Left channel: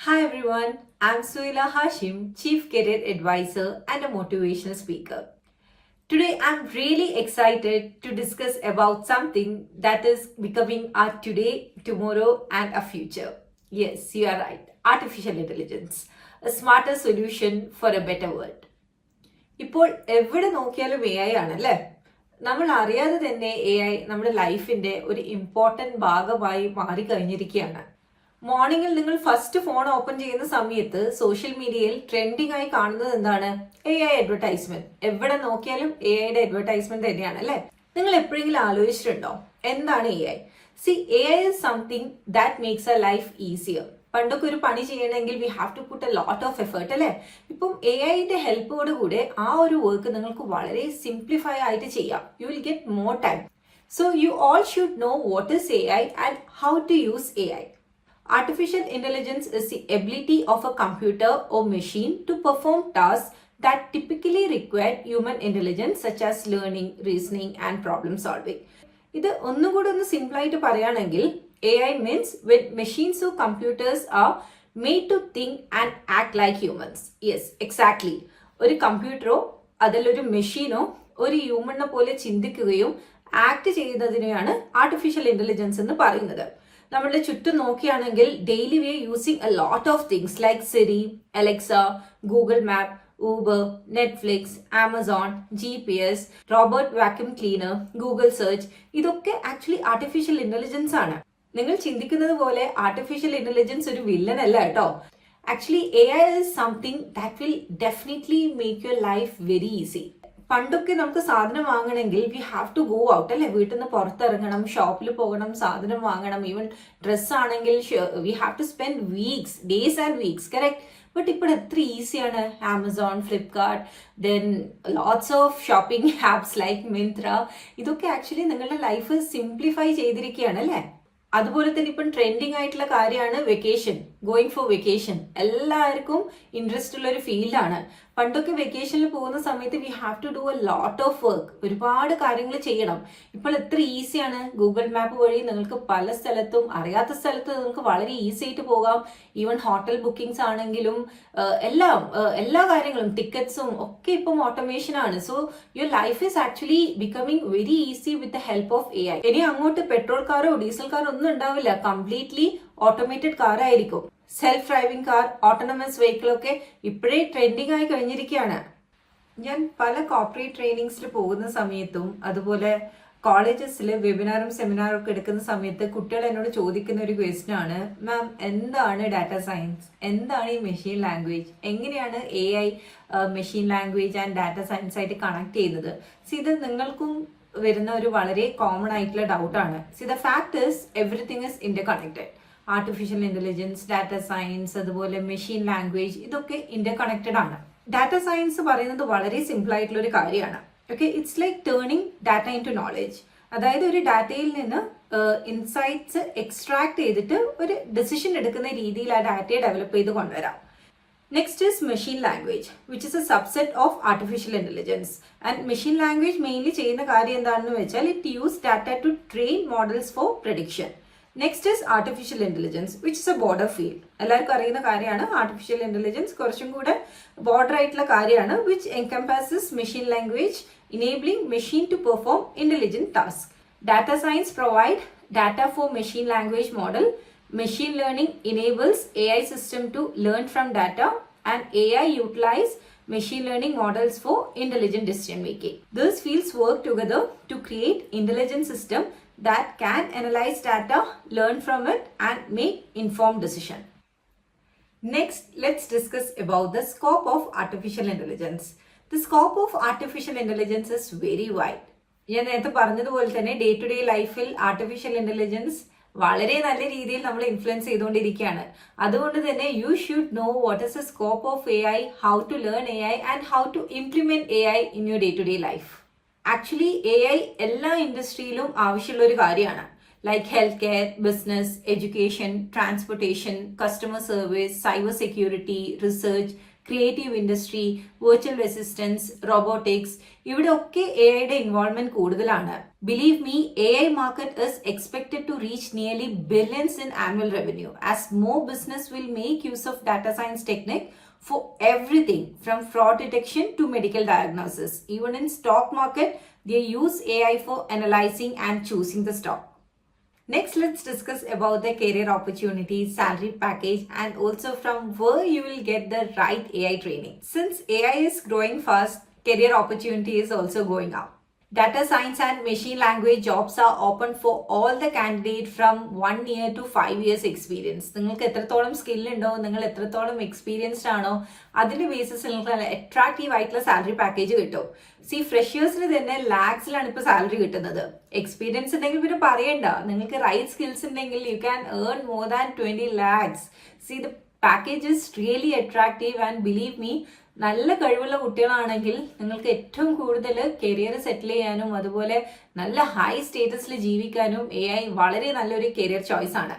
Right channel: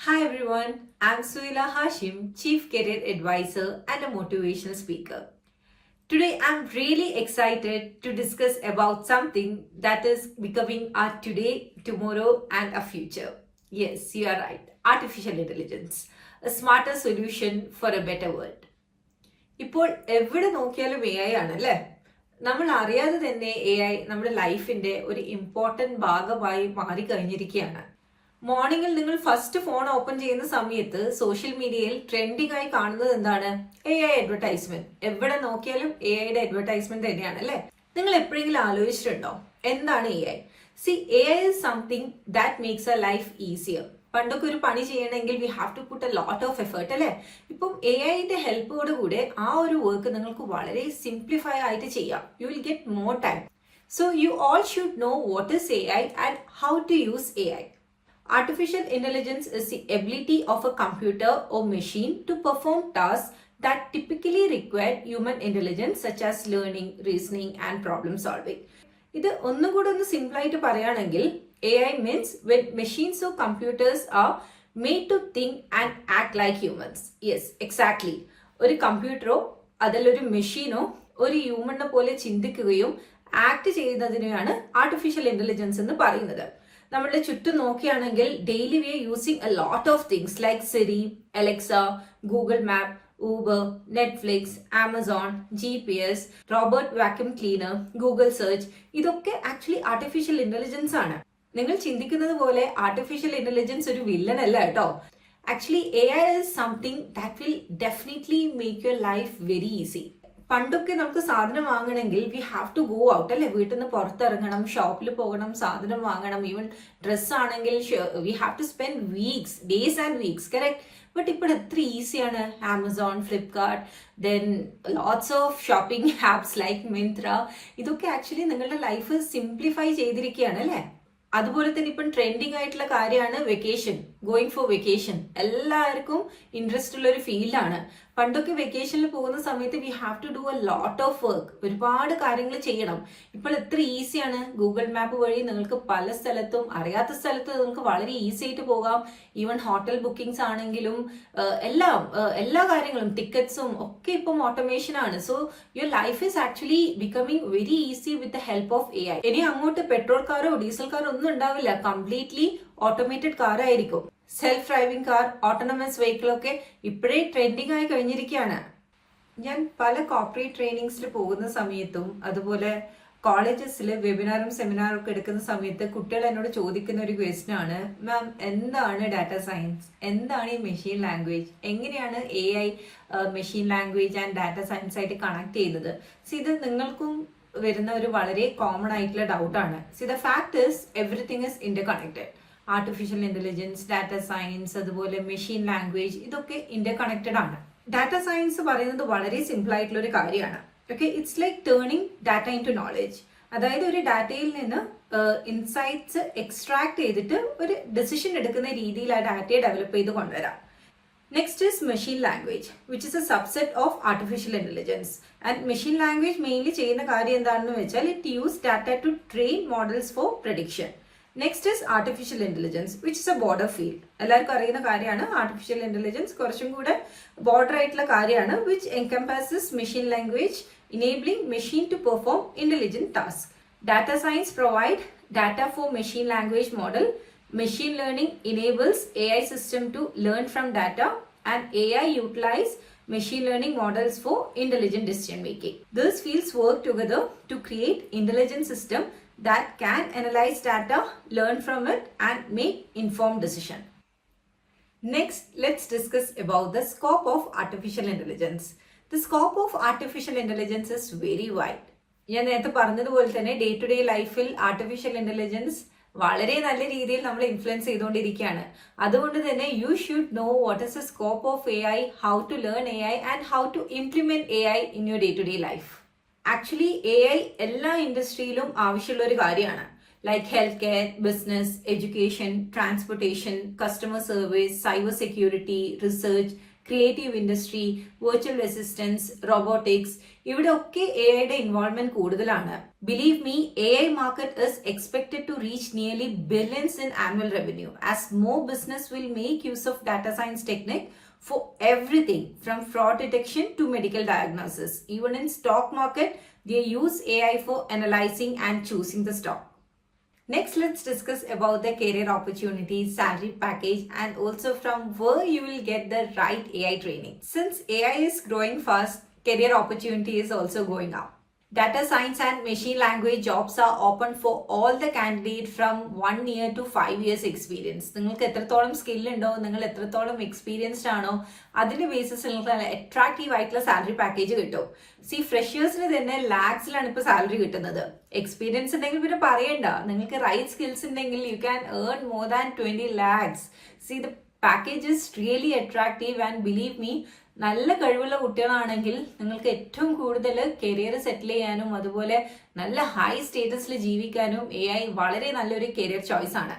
Hi everyone, I'm Suila Hashim, Chief Career Advisor and a motivational speaker. Today I'm really excited to discuss about something that is becoming our today, tomorrow and a future. Yes, you are right. Artificial intelligence, a smarter solution for a better world. ഇപ്പോൾ എവിടെ നോക്കിയാലും A I ആണല്ലേ. നമ്മൾ അറിയാതെ തന്നെ A I നമ്മുടെ ലൈഫിന്റെ ഒരു ഇമ്പോർട്ടന്റ് ഭാഗമായി മാറിക്കഴിഞ്ഞിരിക്കുകയാണ്. മോർണിംഗിൽ നിങ്ങൾ ഫസ്റ്റ് ഫോൺ ഓപ്പൺ ചെയ്യുന്ന സമയത്ത് സോഷ്യൽ മീഡിയയിൽ ട്രെൻഡിങ് ആയി കാണുന്നത് എന്താണ്? A I advertisement. എവിടെ നോക്കിയാലും എ ഐയുടെ അഡ്വർടൈസ്മെന്റ് തന്നെയാണ് അല്ലെ. നിങ്ങൾ എപ്പോഴെങ്കിലും ആലോചിച്ചിട്ടുണ്ടോ എന്താണ് A I? See, A I is something that makes a life easier. പണ്ടൊക്കെ ഒരു പണി ചെയ്യണമെങ്കിൽ we have to put a lot of effort അല്ലെ. ഇപ്പം എ ഐന്റെ ഹെൽപ്പോട് കൂടെ ആ ഒരു വർക്ക് നിങ്ങൾക്ക് വളരെ സിംപ്ലിഫൈ ആയിട്ട് ചെയ്യാം. You will get more time. So you all should know what is A I and how to use A I. Artificial intelligence is the ability of a computer or machine to perform tasks that typically require human intelligence such as learning, reasoning and problem solving. ഇത് ഒന്നുകൂടെ ഒന്ന് simple ആയിട്ട് പറയുകയാണെങ്കിൽ A I means when machines or computers are made to think and act like humans. Yes, exactly. ഒരു കമ്പ്യൂട്ടറോ അതിലൊരു മെഷീനോ ഒരു ഹ്യൂമനെ പോലെ ചിന്തിക്കുകയും ആക്ട് ചെയ്യുന്നതിനെയാണ് ആർട്ടിഫിഷ്യൽ ഇന്റലിജൻസ് എന്ന് പറയുന്നത്. നമ്മുടെ ചുറ്റും നോക്കുകയാണെങ്കിൽ daily we are using a lot of things like Siri, Alexa, Google map, Uber, Netflix, Amazon, GPS, robot vacuum cleaner, Google search. ഇതൊക്കെ ആക്ച്വലി ആർട്ടിഫിഷ്യൽ ഇന്റലിജൻസ് ആണ്. നിങ്ങൾ ചിന്തിക്കുന്നത് പോലെ ആർട്ടിഫിഷ്യൽ ഇന്റലിജൻസ് ഒരു വില്ലൻ അല്ല കേട്ടോ. Actually A I is something that will definitely make your life very easy. പണ്ടൊക്കെ നമുക്ക് സാധനം വാങ്ങണമെങ്കിൽ we have to go out അല്ലെ. വീട്ടിൽ നിന്ന് പുറത്തിറങ്ങണം, ഷോപ്പിൽ പോകണം, സാധനം വാങ്ങണം. ഈവൻ ഡ്രസ് ആണെങ്കിൽ we have to spend weeks, days and weeks. Correct. But ഇപ്പോൾ എത്ര ഈസിയാണ്. Amazon, Flipkart, then lots of shopping apps like Myntra. ഇതൊക്കെ ആക്ച്വലി നിങ്ങളുടെ ലൈഫ് സിംപ്ലിഫൈ ചെയ്തിരിക്കുകയാണ് അല്ലെ. അതുപോലെ തന്നെ ഇപ്പം ട്രെൻഡിങ് ആയിട്ടുള്ള കാര്യമാണ് വെക്കേഷൻ, ഗോയിങ് ഫോർ വെക്കേഷൻ. എല്ലാവർക്കും ഇൻട്രസ്റ്റ് ഉള്ള ഒരു ഫീൽഡാണ്. പണ്ടൊക്കെ വെക്കേഷനിൽ പോകുന്ന സമയത്ത് we have to do a lot of work. ഒരുപാട് കാര്യങ്ങൾ ചെയ്യണം. ഇപ്പോൾ എത്ര ഈസിയാണ്. ഗൂഗിൾ മാപ്പ് വഴി നിങ്ങൾക്ക് പല സ്ഥലത്തും അറിയാത്ത സ്ഥലത്ത് നിങ്ങൾക്ക് വളരെ ഈസി ആയിട്ട് പോകാം. ഈവൻ ഹോട്ടൽ ബുക്കിംഗ്സ് ആണെങ്കിലും എല്ലാ കാര്യങ്ങളും ടിക്കറ്റ്സും ഒക്കെ ഇപ്പം ഓട്ടോമേഷൻ ആണ്. So your life is actually becoming very easy with the help of A I. ഇനി അങ്ങോട്ട് പെട്രോൾ കാറോ ഡീസൽ കാറോ ഒന്നും ഉണ്ടാവില്ല. കംപ്ലീറ്റ്ലി ഓട്ടോമേറ്റഡ് കാർ ആയിരിക്കും. Self driving car, autonomous vehicle ഒക്കെ ഇപ്പോഴേ ട്രെൻഡിങ് ആയി കഴിഞ്ഞിരിക്കുകയാണ്. ഞാൻ പല കോർപ്പറേറ്റ് ട്രെയിനിങ്സിൽ പോകുന്ന സമയത്തും അതുപോലെ കോളേജസിൽ വെബിനാറും സെമിനാറും ഒക്കെ എടുക്കുന്ന സമയത്ത് കുട്ടികൾ എന്നോട് ചോദിക്കുന്ന ഒരു ക്വസ്റ്റ്യൻ ആണ്, മാം എന്താണ് ഡാറ്റ സയൻസ്, എന്താണ് ഈ മെഷീൻ ലാംഗ്വേജ്, എങ്ങനെയാണ് A I machine language and data science ആയിട്ട് കണക്ട് ചെയ്യുന്നത്? ഇത് നിങ്ങൾക്കും വരുന്ന ഒരു വളരെ കോമൺ ആയിട്ടുള്ള ഡൗട്ടാണ്. The fact is everything is interconnected. Artificial intelligence, data science, അതുപോലെ മെഷീൻ ലാംഗ്വേജ്, ഇതൊക്കെ ഇന്റർ കണക്റ്റഡ് ആണ്. ഡാറ്റ സയൻസ് പറയുന്നത് വളരെ സിമ്പിൾ ആയിട്ടുള്ള ഒരു കാര്യമാണ്. Okay, it's like turning data into knowledge. അതായത് ഒരു ഡാറ്റയിൽ നിന്ന് ഇൻസൈറ്റ്സ് എക്സ്ട്രാക്ട് ചെയ്തിട്ട് ഒരു ഡിസിഷൻ എടുക്കുന്ന രീതിയിൽ ആ ഡാറ്റയെ ഡെവലപ്പ് ചെയ്ത് കൊണ്ടുവരാം. Next is machine language, which is a subset of artificial intelligence. And machine language mainly ചെയ്യുന്ന കാര്യം എന്താണെന്ന് വെച്ചാൽ it use data to train models for prediction. Next is artificial intelligence, which is a border field. എല്ലാവർക്കും അറിയുന്ന കാര്യമാണ്. Artificial intelligence കുറച്ചും കൂടെ border ആയിട്ടുള്ള കാര്യമാണ്, which encompasses machine language, enabling machine to perform intelligent tasks. Data science provide data for machine language model. Machine learning enables AI system to learn from data, and AI utilize machine learning models for intelligent decision making. These fields work together to create intelligent system that can analyze data, learn from it, and make informed decision. Next, let's discuss about the scope of artificial intelligence. The scope of artificial intelligence is very wide. ഞാൻ നേരത്തെ പറഞ്ഞതുപോലെ തന്നെ day to day ലൈഫിൽ artificial intelligence വളരെ നല്ല രീതിയിൽ നമ്മൾ influence ചെയ്തുകൊണ്ടിരിക്കുകയാണ്. അതുകൊണ്ട് തന്നെ you should know what is the scope of A I, how to learn A I and how to implement A I in your day to day life. Actually A I എല്ലാ ഇൻഡസ്ട്രിയിലും ആവശ്യമുള്ള ഒരു കാര്യമാണ്. Like health care, business, education, transportation, customer service, cyber security, research, creative industry, virtual assistance, robotics, ഇവിടെ ഒക്കെ എഐയുടെ involvement കൂടുതലാണ്. Believe me, AI market is expected to reach nearly billions in annual revenue as more business will make use of data science technique for everything from fraud detection to medical diagnosis. Even in stock market, they use AI for analyzing and choosing the stock. Next, let's discuss about the career opportunities, salary package, and also from where you will get the right AI training. Since AI is growing fast, career opportunity is also going up. Data science and machine language jobs are open for all the candidates from 1 year to 5 years experience. നിങ്ങൾക്ക് എത്രത്തോളം skill ഉണ്ടോ, നിങ്ങൾ എത്രത്തോളം experienced ആണോ, അതിന്റെ ബേസിസിൽ നിങ്ങൾക്ക് attractive ആയിട്ടുള്ള salary package കിട്ടും. ഫ്രഷേഴ്സിന് തന്നെ ലാക്സിലാണ് ഇപ്പോൾ സാലറി കിട്ടുന്നത്. എക്സ്പീരിയൻസ് ഉണ്ടെങ്കിൽ പിന്നെ പറയണ്ട, നിങ്ങൾക്ക് റൈറ്റ് സ്കിൽസ് ഉണ്ടെങ്കിൽ you can earn more than 20 lakhs. The package is really attractive and believe me, നല്ല കഴിവുള്ള കുട്ടികളാണെങ്കിൽ നിങ്ങൾക്ക് ഏറ്റവും കൂടുതൽ കരിയർ സെറ്റിൽ ചെയ്യാനും അതുപോലെ നല്ല ഹൈ സ്റ്റേറ്റസിൽ ജീവിക്കാനും AI വളരെ നല്ലൊരു കരിയർ ചോയ്സ് ആണ്.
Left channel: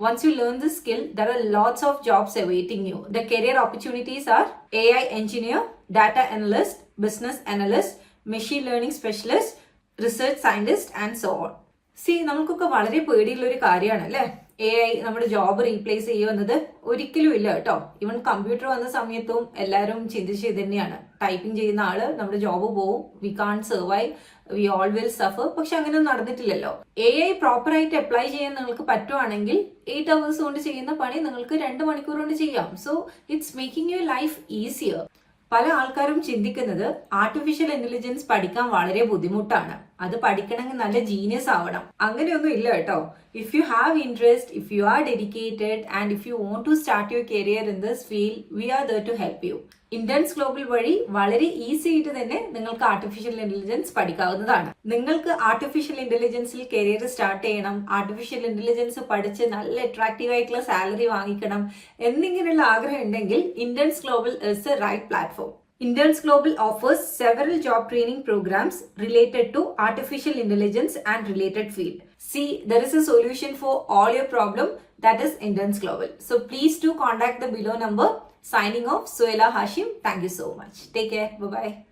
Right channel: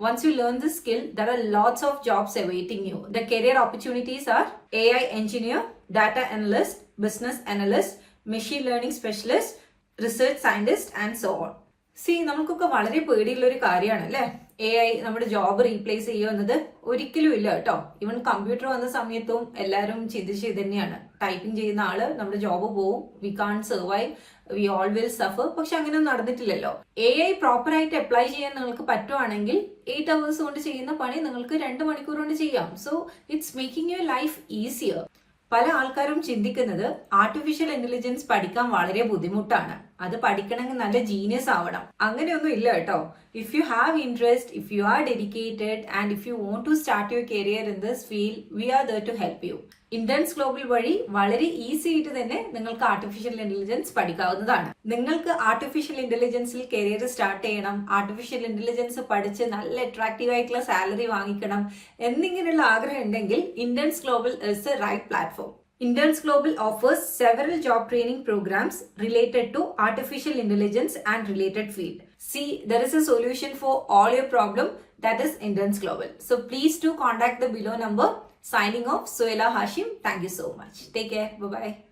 Once you learn this skill, there are lots of jobs awaiting you. The career opportunities are AI engineer, data analyst, business analyst, machine learning specialist, research scientist and so on. നമുക്കൊക്കെ വളരെ പേടിയുള്ള ഒരു കാര്യമാണ് അല്ലേ AI നമ്മുടെ job replace ചെയ്യുന്നത്? ഒരിക്കലും ഇല്ല കേട്ടോ. ഈവൻ കമ്പ്യൂട്ടർ വന്ന സമയത്തും എല്ലാവരും ചിന്തിച്ചത് തന്നെയാണ്, ടൈപ്പിംഗ് ചെയ്യുന്ന ആള് നമ്മുടെ ജോബ് പോവും, we can survive, we all will suffer. പക്ഷെ അങ്ങനെ നടന്നിട്ടില്ലല്ലോ. AI പ്രോപ്പർ ആയിട്ട് അപ്ലൈ ചെയ്യാൻ നിങ്ങൾക്ക് പറ്റുവാണെങ്കിൽ 8 hours കൊണ്ട് ചെയ്യുന്ന പണി നിങ്ങൾക്ക് 2 മണിക്കൂർ കൊണ്ട് ചെയ്യാം. So it's making your life easier. പല ആൾക്കാരും ചിന്തിക്കുന്നത് ആർട്ടിഫിഷ്യൽ ഇന്റലിജൻസ് പഠിക്കാൻ വളരെ ബുദ്ധിമുട്ടാണ്, അത് പഠിക്കണമെങ്കിൽ നല്ല ജീനിയസ് ആവണം. അങ്ങനെയൊന്നും ഇല്ല കേട്ടോ. If you have interest, if you are dedicated and if you want to start your career in this field, we are there to help you. Interns Global വഴി വളരെ ഈസി ആയിട്ട് തന്നെ നിങ്ങൾക്ക് ആർട്ടിഫിഷ്യൽ ഇന്റലിജൻസ് പഠിക്കാവുന്നതാണ്. നിങ്ങൾക്ക് ആർട്ടിഫിഷ്യൽ ഇന്റലിജൻസിൽ career start ചെയ്യണം, artificial intelligence പഠിച്ച് നല്ല അട്രാക്റ്റീവ് ആയിട്ടുള്ള സാലറി വാങ്ങിക്കണം എന്നിങ്ങനെയുള്ള ആഗ്രഹം ഉണ്ടെങ്കിൽ interns global is the right platform. Interns Global offers several job training programs related to artificial intelligence and related field. See, there is a solution for all your problem, that is Interns Global. So please do contact the below number. Signing off, Suela Hashim. Thank you so much. Take care. Bye-bye.